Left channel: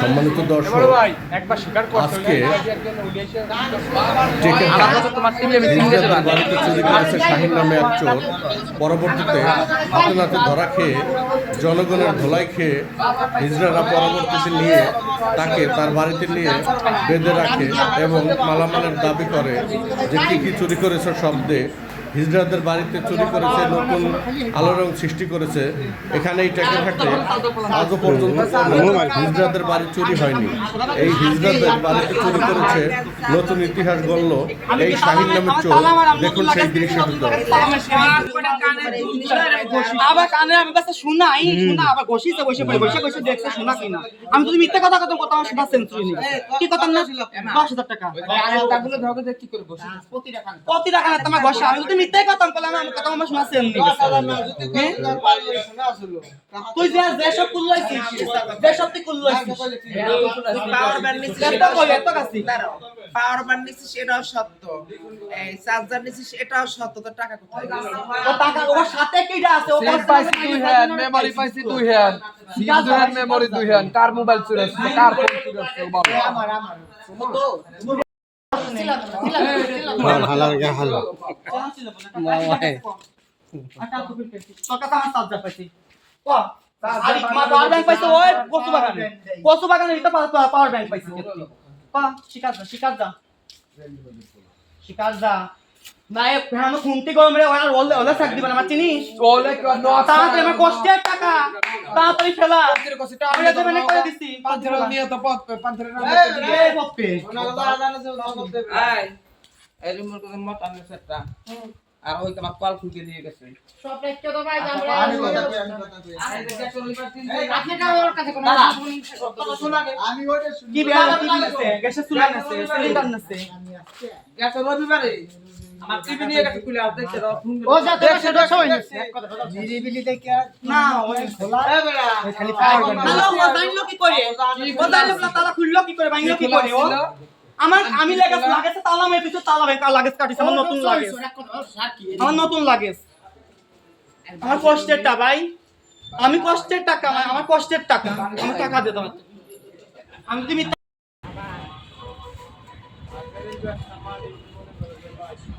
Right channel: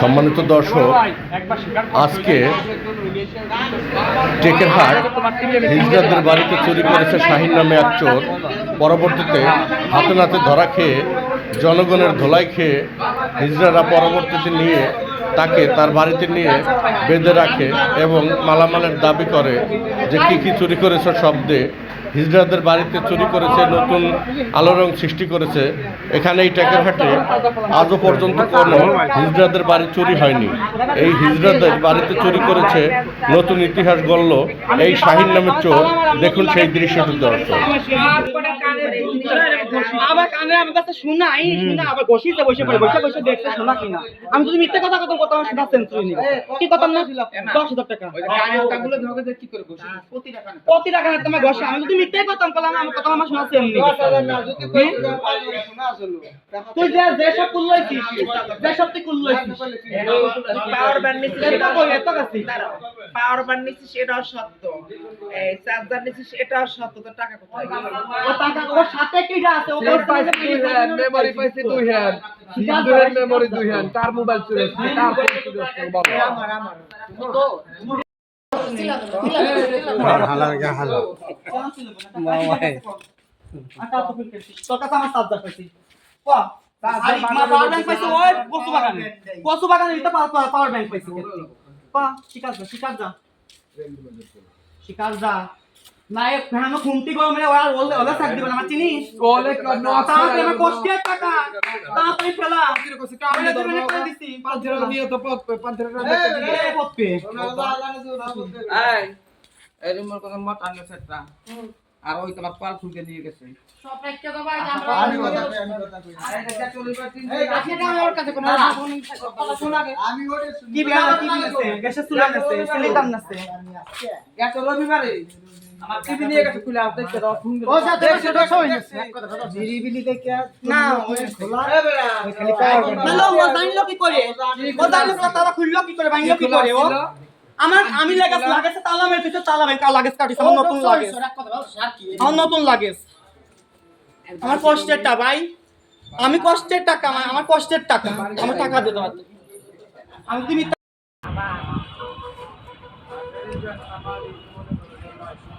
সম্মানিত দর্শক, আজকে টেকেরহাট হিজরাদের বাড়িতে চুরি করেছে শাহিন নামে এক চোর। পরবর্তীতে হাতে নাতে ধরা খেয়ে জনগণের ধোলাই খেয়ে হিজরারা পরবর্তীতে নিয়ে তাকে তার বাড়িতে নিয়ে বেঁধে রাখে এবং মালামালের দাবি করে যে কী কী চুরি করেছে শব্দে হিজড়াদের বাড়িতে চুরি করেছে, নতুন আলোড়ন সৃষ্টি করেছে। এখানে এই টেকেরহাটে আজও পর্যন্ত কোনো হিজড়াদের বাড়ি চুরি হয়নি। এই হিজড়াদের বাড়িতে চুরি করেছে নতুন ইতিহাস গড়ল এই শাহিন নামের চোর। দেখুন সেই দৃশ্যটি দর্শক। আবার কানে আমার কাছে শোনাই শোনা আবার বসিছে বসে পড়ে বসে বসে দেখছে শোনা কিনা আমি যদি মিথ্যে কথা কথা কথা শোনা সেন্সুরি নেই। কি কথা না দশ হাজার টাকা। প্রতি টাকা না তোমার ঘষে। আমি যদি মিথ্যে কথা বললাম আমার কথা আমার শোনা সেন তুই যে যে সব কুল যে সব তুই কুল পাওয়ার ব্যান্ড নিচ্ছিস সেটাও কই সত্য। পাওয়ার ব্যান্ড নিচ্ছিস সেটাও সত্য। এই চার্জার নিচ্ছিস এটাও সত্য। তো টাকা কোথায়? টাকা ওর সাথে সেট পাইছি দুই হ্যান্ড মেমরি পাইছি দুই হ্যান্ড সিঙ্গুলার মেমরি দুই হ্যান্ড কার মোবাইল চুরি হচ্ছে? কার ফোন চুরি হচ্ছে? ও বাবা তোর কাছে আমার চার্জার পাইছি। ও পাওয়ার ব্যাংক পাইছে ওই কচু বাগানে। কচু বাগানে এটা পাওয়ার ব্যাংক পাইছে। পা শিকার যা শিকার যা। শিকার যা। না এ ফ্যান খুনতি গরম রে ওরা ওলে ওলে সাক দিবেন আমার চিনিস ওলে নক তাড়াতাড়ি আমার কষ্টের টাকা। তাড়াতাড়ি ফেলা। আমি তো মানে করে দিছি পাঁচের নিয়ে তো পথ কই পাঁচের এই পথে এই এই। রিমোট কথা মত আনলো সেটটা আর ওই তোমার কল দিয়ে গেছে। সব একটা তো ভাই আমরা আর এটা চলিবার তিন আপনি তো ওর কাছে কোনো কথা শোনা কি বিয়া কি বিয়াছে গ্যাসের চুলা নাছে সিলিন্ডার নাছে গেছে রবিবারে। আমার টিভি নিয়ে গেছে খুলে আর দেখছে দাও ফোন ও যাতে সেটা সবাই নাছে এক কথা কথা না ওই ও জানলো কি করে ও জানলো তালা খুললো কি করে কি করে ও আমার আমি লাগেছে তালা মেরে কাটিছে আমার নতুন লাগেজ আমার নতুন লাগেজ আমার কষ্টের টাকা ভাই আমি কষ্টের টাকা আমার কষ্টের টাকা আমার টাকা দিতে পারতো আমি তুমি